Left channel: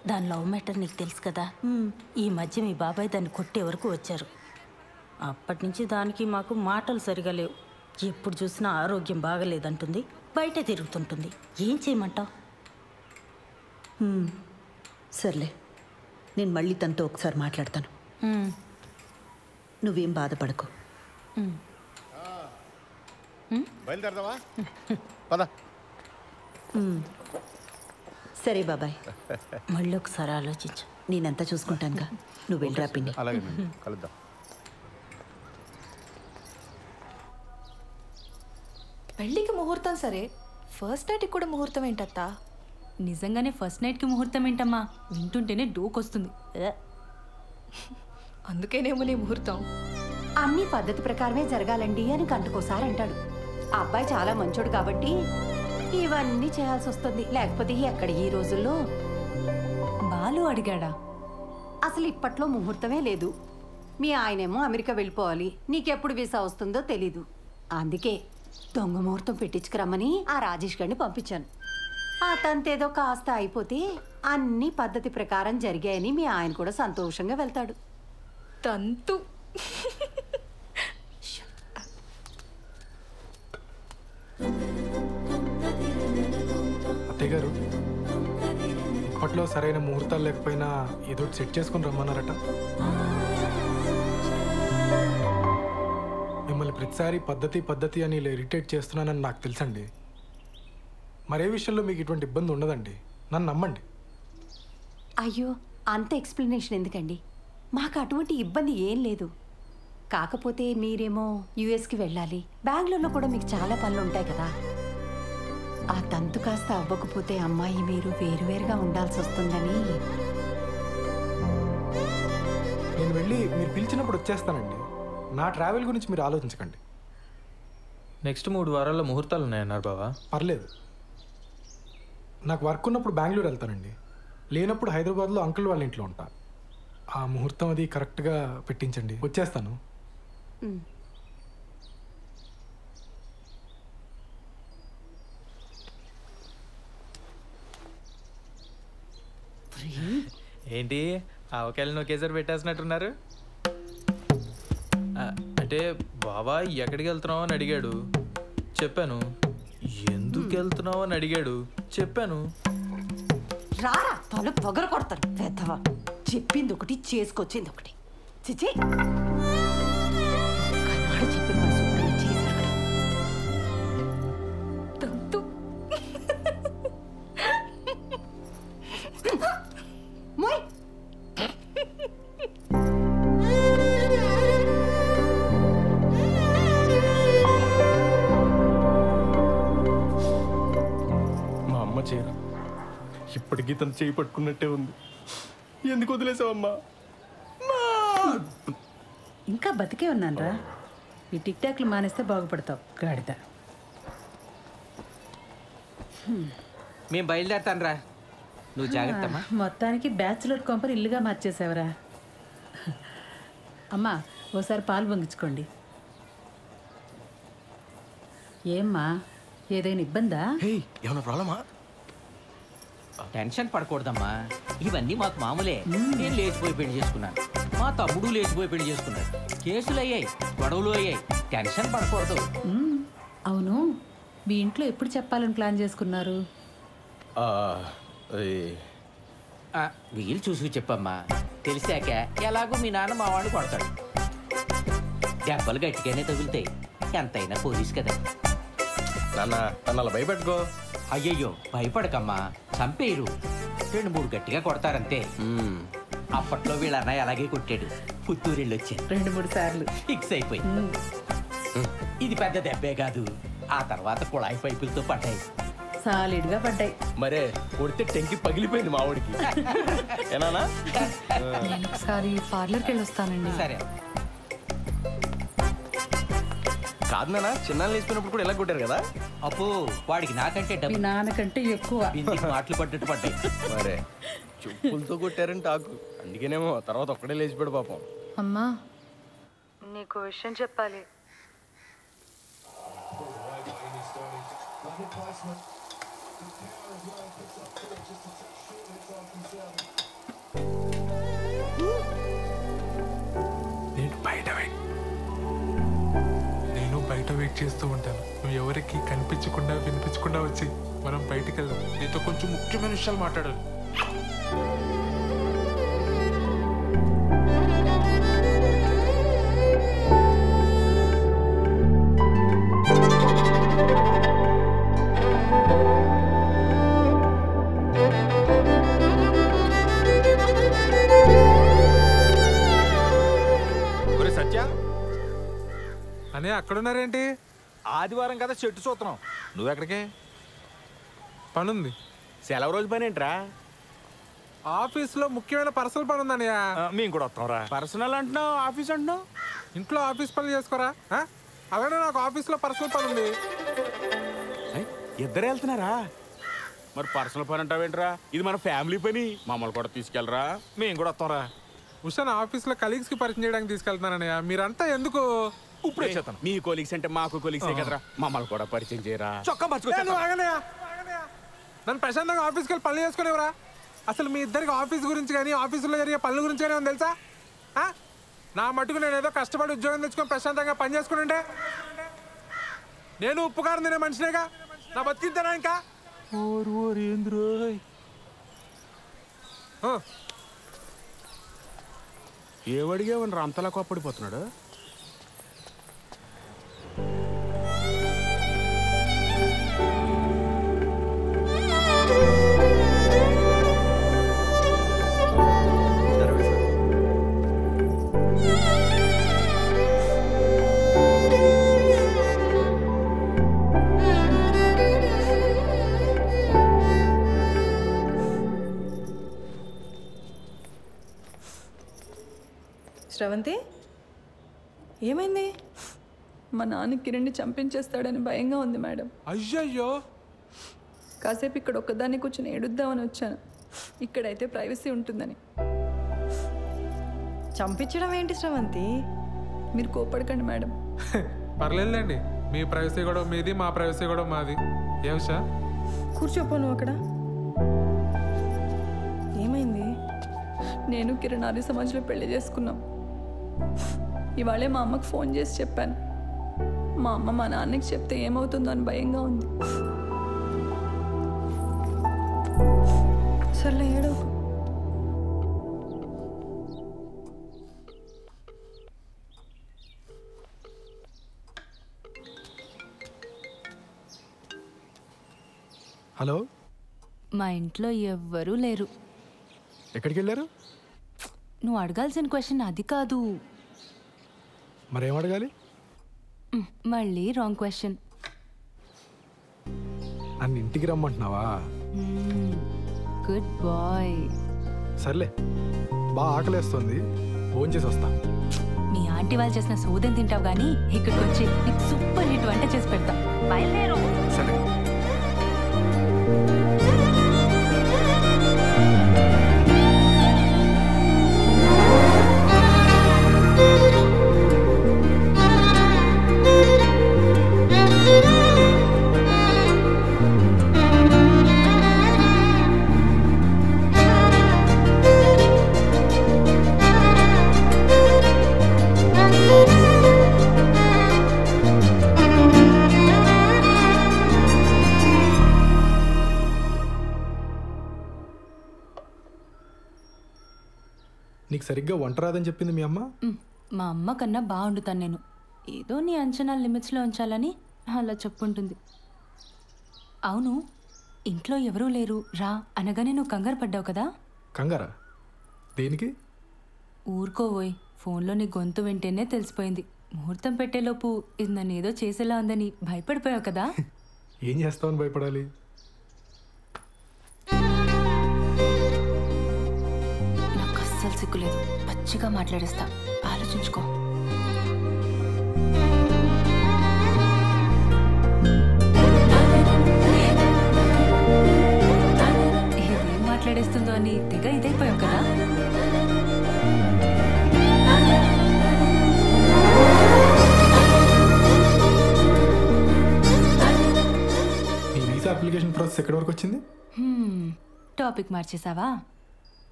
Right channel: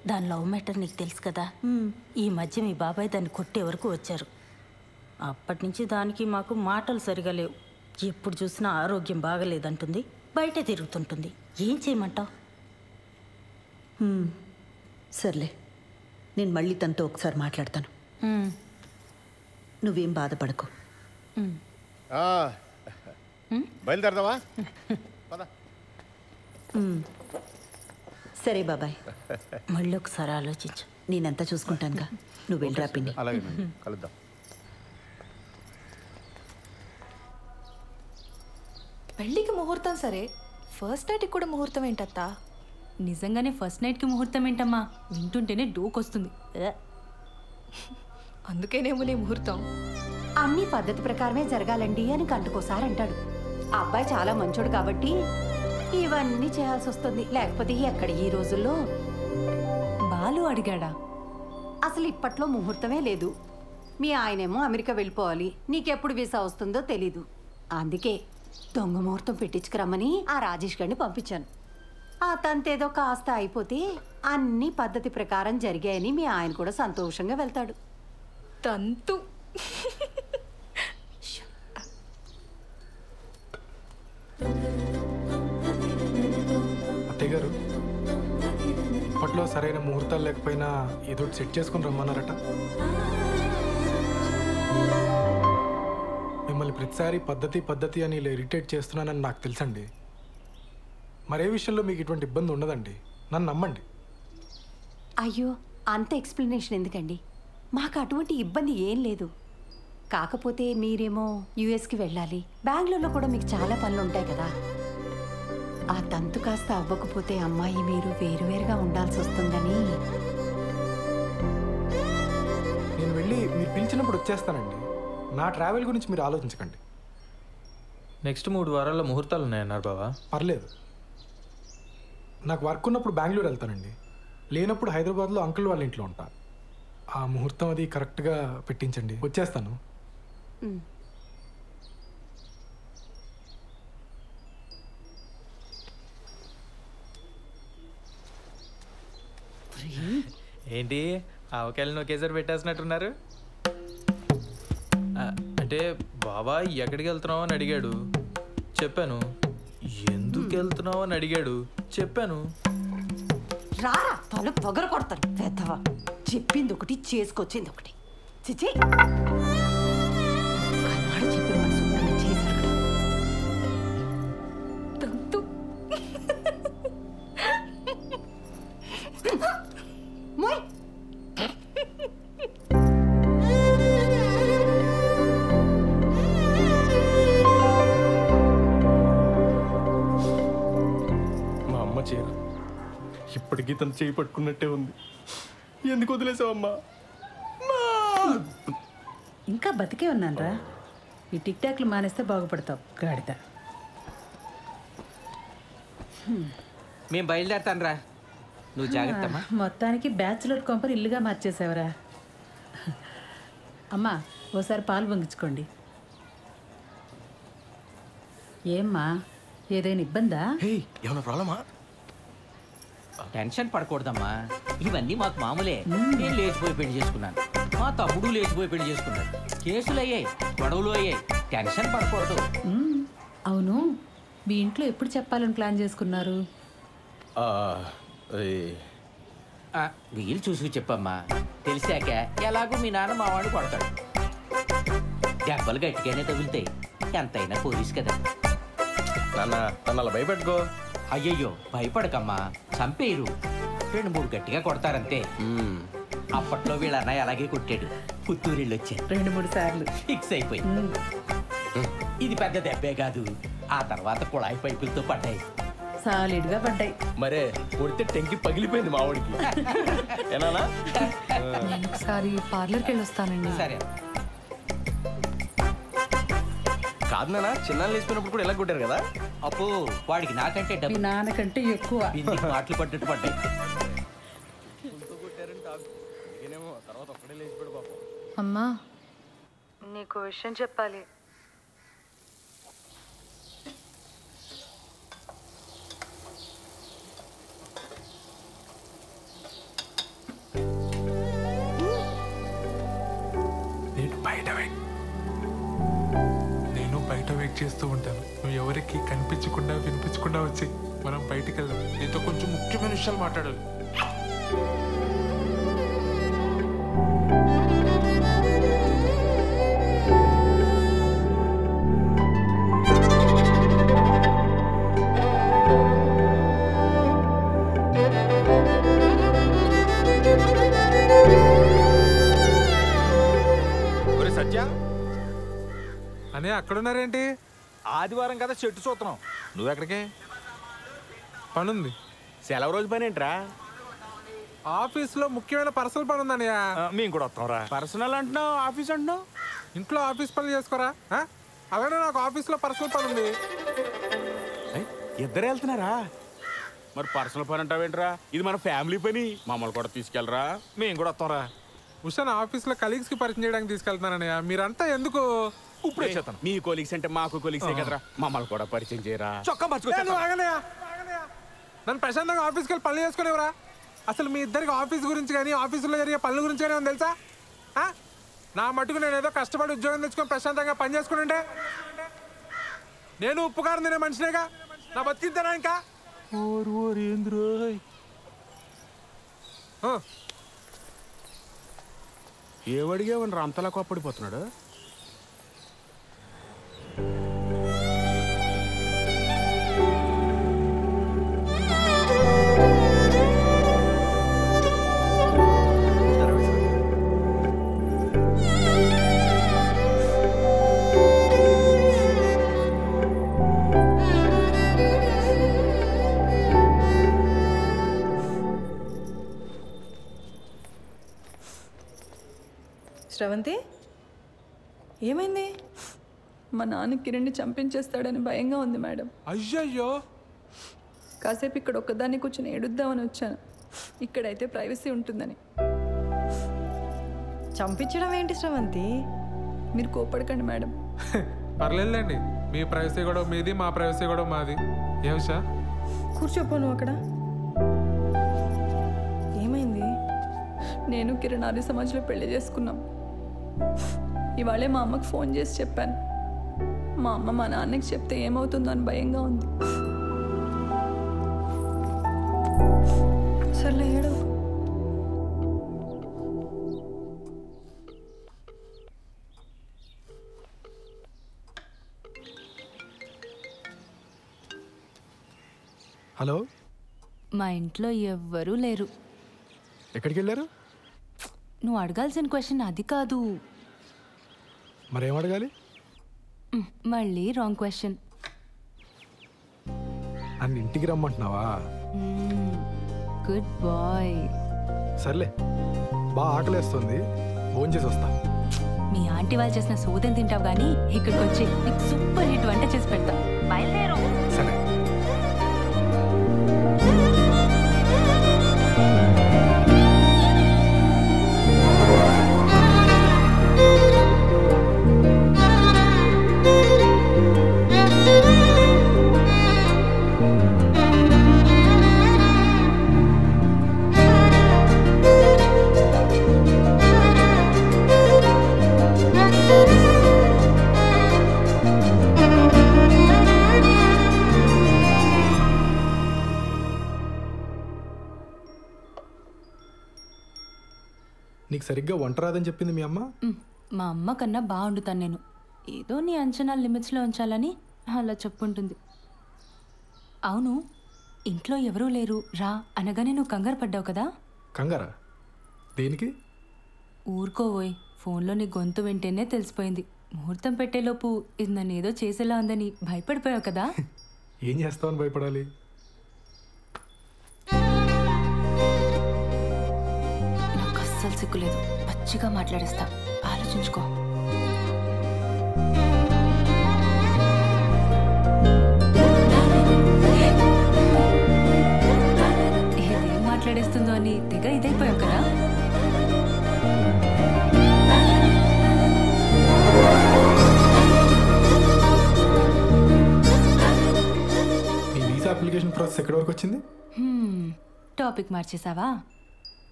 దాని love matter నీకు తెలుసు కదా. ఈ మధ్య మీ బాబాయ్ దాన్ని కొట్టే వరకు వచ్చారు. అప్పటి నుంచి దానికి మాకు మాటలు సరిగా లేవు. ఎప్పుడు చూసినా ఆరోగ్యం బాగలేదంటుంది, బయట తిరుగుతుంటుంది. ఏం చేయమంటావు? సర్లే, నేను మళ్ళీ తనతో ఒకసారి మాట్లాడతాను. నువ్వేం బాధపడకు. బయలుదేరదావా? పద. సరే బాబాయ్, మళ్ళీ ఒకసారి ఆలోచించు. నేనంతా చూసుకుంటానుగా, నువ్వు వెళ్ళరా పిన్ని. అలాగే కలుద్దాం. పెళ్ళికి ముహూర్తం సరే, ఫస్ట్ నైట్కి కూడా ముహూర్తం ఏంటత్తా? నిజంగానే ఫస్ట్ నైట్కి ముహూర్తం ఏంటమ్మా? వింటుంటేనే డోకొస్తుంది. అందుకేనేమో నీ ముహూర్తం. అన్ని పద్ధతి ప్రకారమే జరగాలండి అని గంటకోసారి అంటాడు. ఆ అబ్బాయి చాలా మంచోడు కాబట్టి ఇవన్నీ చేయాల్సి వస్తుంది. లేకపోతే ఎక్కడ ఈ రోజుల్లో. బాలు అడిగాడా? అసలు ఇప్పట్లో ముహూర్తమే లేదు. మీ ఆయనేమో అమెరికా వెళ్ళిపోవాలి, నీకెప్పుడు వీసా వస్తుందో తెలీదు. అందుకే దొంగ ముహూర్తం పెట్టించుకురమ్మని ఆ రాజేష్ గారిని పంపించాను. ఆ తంతేదో కాస్త అయిపోతే అన్ని పద్ధతి ప్రకారం జరిగాయని మీ ఆయన కూడా సంతోషంగా వెళ్తాడు. తంతు. అత్తయ్య గారు, ఇప్పట్లో సరైన ముహూర్తాలు లేకపోయినా ఏదో సెట్ చేసుకుని రమ్మన్నారట. మిమ్మల్ని ప్రతిసారి పద్ధతి అని ఇలా ఇరిటేట్ చేస్తున్నానని నాకు తెలుసండి. మరే విషయంలో మీకు ఇటువంటి ఇబ్బంది ఉండదండి, నన్ను నమ్మండి. అయ్యో, అంత ఎక్స్ప్లెనేషన్ ఎందుకండి? మాకు అటువంటి ఇబ్బంది ఏం లేదు. కాకపోతే మీరేమో యుఎస్కి వెళ్ళాలి, బెంగళూరులో కూడా మీకు చాలా పనులు ఉంటాయి కదా. ఆ తంతు కాస్త అవ్వకపోతే అమ్మాయి మీరు వేరువేరుగా ఉండాల్సి వస్తుందని. నేను వెళ్ళి మీరు పిలిచినప్పుడు వచ్చేస్తానండి. నా ట్రావెల్ గురించి మీరు ఆలోచించకండి. నెక్స్ట్ 3 వారాల్లో ముహూర్తాలు ఉన్నాయన్నారు బావా. పర్లేదు, నాకు వర్క్ ఉన్నప్పుడు బెంగళూరు వెళ్తానండి, లేనప్పుడు హైదరాబాద్లో అంకుల్ వాళ్ళ ఇంట్లో ఉంటా. ఆ ముహూర్తం అది కరెక్ట్గా పెట్టించండి, వచ్చేస్తాను. ఏంటి ఆవకాయలను ఒకేసారి పెట్టేసినట్టున్నారు? అంటే బావా ఎక్కడికి వెళ్తున్నావు అని అడిగాడు, చెప్పాను. ఎందుకు వెళ్తున్నావు అని అడిగాడు, చెప్పాను. రారా తల పొగర కొడతాను పెద్దవా. చెప్పింది ఒకటి, చేసుకొచ్చింది ఒకటి. చిచి, కన్నాడు చెప్పిన మన శుభ్రంగా చేశారు కదా. తంతు. మోయ్. మా అమ్మ చీర ఇప్పటికీ తను చేయి పట్టుకున్నట్టే ఉంది. ఎందుకు వదిలేసావమ్మా? ఇంకా బతికే ఉన్నానరా. ఈ టిక్ టాక్లు మానేస్తే బాగుపడతావు గాడిద. మేము బయలుదేరతాను రా, నువ్వు జాగ్రత్త. మొత్తానికి బ్యాచులర్ కొంపని ఇల్లుగా మార్చేసావురా. అమ్మా, ఓసారి పాలు పొంగించుకోండి. ఏమ్మా, ఏదైనా ఇబ్బందా? ఏమన్నా ప్రాబ్లమా? టెన్షన్ పడకూడదమ్మా, ఇవన్నీ మాకు మామూలే. నేను లేచిపోయి పెళ్లి చేసుకున్నాను, మా తమ్ముడు లేచిపోయి పెళ్లి చేసుకున్నాడు. కేసులు అయ్యాయి, గొడవలు అయ్యాయి, టెన్షన్ పడకూడదు. అవును, మీ ఇంట్లో ఎప్పుడు చెప్పాలని ప్లాన్ చేసుకున్నారు? వీలు చూసి చెప్పమ్మా, తెలిసాక ఎలాగో మీ నాన్న మా వాడిని కొడతాడు. దెబ్బలు గట్టిగానే తగులుతాయి, ఎంతైనా పోలీస్ కదా. నాన్న నన్ను అలా భయపెట్టుకో. అయ్యయ్యో భయపడకమ్మా, చంపేయరు, 2-3 గట్టిగా కొడతారంతే. అప్పట్లో వీళ్ళ అన్నయ్య అలాగే కొట్టాడు, పుత్తూరిళ్ళు వచ్చారు 2-3 సార్లు ఫిక్స్ అయిపోయి. ఇది పెద్ద దెబ్బే కాదు, ఆ తర్వాత కుళాయి పైపులతో పడ్డాయి, సాలిడ్గా పడ్డాయి. మరే కొడితే టెంకి పగిలిపోయింది మా వాడికి. ఏనా? నేను ఒకసారి పార్లర్కి వెళ్ళి వస్తానండి. సరే. కాదు నాన్న, చిన్నాళ్ళు వేసిపోయినప్పుడు కూడా ఎలా కొట్టారు కదా. అప్పు వాడికి నాకంటే మీ నాన్నకంటే ఎక్కువ మాటలు పడ్డట్టు పడ్డాయి. మరే చెప్పులతో కొట్టారని టాకు, అందుకేనేమో తర్వాత ఒక్కడే లేచిపోయాడు పాపం. అమ్మా, నీకు విషయం చెప్పాలి. నేను బయట వెయిట్ చేస్తూ ఉంటాను. నువ్వు ఎవరికి కనిపించకుండా వినిపించకుండా వచ్చి మనం బయటికి వెళ్దాం. నీతో కొంచెం ముఖ్యమైన విషయాలు మాట్లాడాలి. సత్య అనే అక్కడున్నారేంటి? ఆదివారం కదా చెట్టు చూస్తున్నాం. నువ్వెక్కడికి? పనుంది. సెలవు రోజు పని ఏంట్రా? ఆఫీస్లో ముఖ్యమైన పర్సనల్ పని ఉందన్నయ్య. మేము కూడా వస్తాంరా. పర్సనల్ అంటున్నావు, ఆఫీస్ అంటున్నావు. ఇంట్లో ఆఫీస్ పనులు చేసుకోరా? అలానే నాకు ఆఫీస్లో పర్సనల్ పని ఉంది. ఇద్దరు వెళ్తున్నారా? మరి పర్సనల్ పని అంటావేంట్రా? ఇది మన ఫ్యామిలీ పని. మమ్మల్ని కూడా తీసుకెళ్ళరా, మేము కూడా వస్తాంరా. ఉషాన్ ఆఫీస్లో కలీగ్స్కి పరిచయం చేయడానికి తీసుకెళ్తున్నానన్నయ్య. మీరంతా ఎందుకు? ఇప్పుడే చేస్తాను. మీ కొలీగ్స్ అంటే మాకు కొలీగ్సే కదరా, మమ్మల్ని కూడా పరిచయం చేయరా. చొక్కా నన్ను ప్రశాంతంగా ఆఫీస్కి వెళ్ళి పనులు చేసుకునేవరా? అసలు మీ ఇద్దరికి ఆఫీస్ గురించి కానీ ఆఫీసులో జరిగే పనుల గురించి కానీ తెలుసా? నా మటుకు నేను ఏదో కష్టపడి ఉద్యోగం తెచ్చుకొని ప్రశాంతంగా పని చేసుకుంటే నేను ఉప్పు కారం తినే మనిషినేగా. నా బతికిద్దానా ఇంకా? ఏమడిగావనరా అంతలా కోప్పడిపోతున్నాడు? శ్రవంతి, ఏమైంది? మా నాన్న కిరణ్ని చంపించేస్తాడని భయంగా ఉంది మేడం. అయ్యయ్యో. కాసేపు ఇక్కడ ఒక్కదాన్ని కూర్చొని ఏడుద్దామని వచ్చాను. ఇక్కడైతే ప్రైవసీ ఉంటుందని. చంపించడం ఏంటి శ్రవంతి? మీరు కోపడకండి మేడం. పర్లేదులేండి, మీ ప్రైవసీ కూడా మీది, మా ప్రైవసీ కూడా మాది. ఏమిషా? కూర్చోపో నువ్వు అక్కడ. ఏమైంది? నేను కిరణ్ ఆర్య సమాజ్లో పెళ్లి చేసుకున్నాం. ఇవాళే మా అమ్మకు ఫోన్ చేసి చెప్పాను. మా అమ్మ మా నాన్నకి చెప్తే ఏమవుతుందో అని భయంగా ఉంది. సర్లే ఏడవ. హలో. మా ఇంట్లో ఎవ్వరూ లేరు. ఎక్కడికి వెళ్ళారు? నువ్వు అడగాల్సిన క్వశ్చన్ అది కాదు. మరేం అడగాలి? మళ్ళీ రాంగ్ క్వశ్చన్. నన్ను ఇంటికి రమ్మంటున్నావా? Good bye. సర్లే, బాగా ఆకలేస్తుంది, భోంచేసి వస్తా. మీ ఆంటీ వాళ్ళు చేసిన సోదం తింటావు కానీ ఇక్కడికి వచ్చి నీకు సూపర్ హిట్ వంట చేసి పెడతా. బయలుదేరు. సరే. నీకు సరిగ్గా వంట రాదని చెప్పింది మీ అమ్మ? మా అమ్మ కన్నా బాగా వండుతాను నేను. ఏదో నీ అంచనా లిమిట్స్లో ఉంచాలని అలా చెప్పుంటుంది. అవును, ఇంట్లో ఎవరూ లేరు రా అనగానే నువ్వు కంగారు పడ్డావు కదా? కంగారా? దేనికి? ఊరుకోవోయ్, ఫోన్లో నీ గొంతు వింటేనే తెలిసిపోయింది. ముహూర్తం పెట్టేలోపు ఇది నన్ను ఏదో చేసేలా ఉందని భయపడిపోయావు కదా? ఏం చేస్తావని భయపడాలి? నాకు అస్సలు సిగ్గులేదు, పచ్చిగా మాట్లాడేస్తా, ఆలోచించుకో. ఇదేం మాట్లాడేస్తుందో అని తెగ ఇదైపోయావు కదా? మీ వీసా అప్లికేషన్ ప్రాసెస్ ఎక్కడి వరకు వచ్చింది? టాపిక్ మార్చేసావా?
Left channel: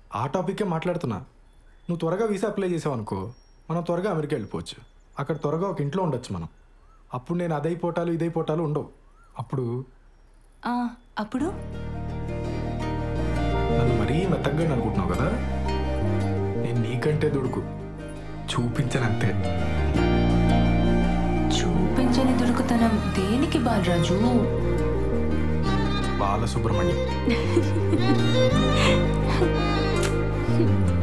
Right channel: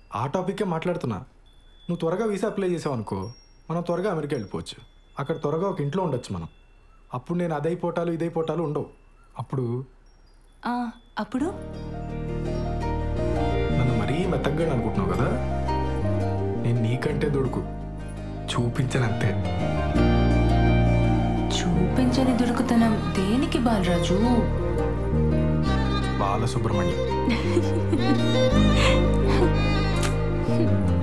ఆ టాపిక్కే మాట్లాడుతున్నా. నువ్వు త్వరగా వీసా అప్లై చేసావు అనుకో, మనం త్వరగా అమెరికా వెళ్ళిపోవచ్చు. అక్కడ త్వరగా ఒక ఇంట్లో ఉండొచ్చు మనం. అప్పుడు నేను అదైపోటాలు ఇదైపోటాలు ఉండవు. అప్పుడు అప్పుడు నన్ను మరీ మెత్తగా అనుకుంటున్నావు కదా, నేను నీకంటే దొడుకు చూపించనంతే. చూపించని దొరుకుతనం దేనికి బాలరాజు? బాలసుబ్రహ్మణ్యం.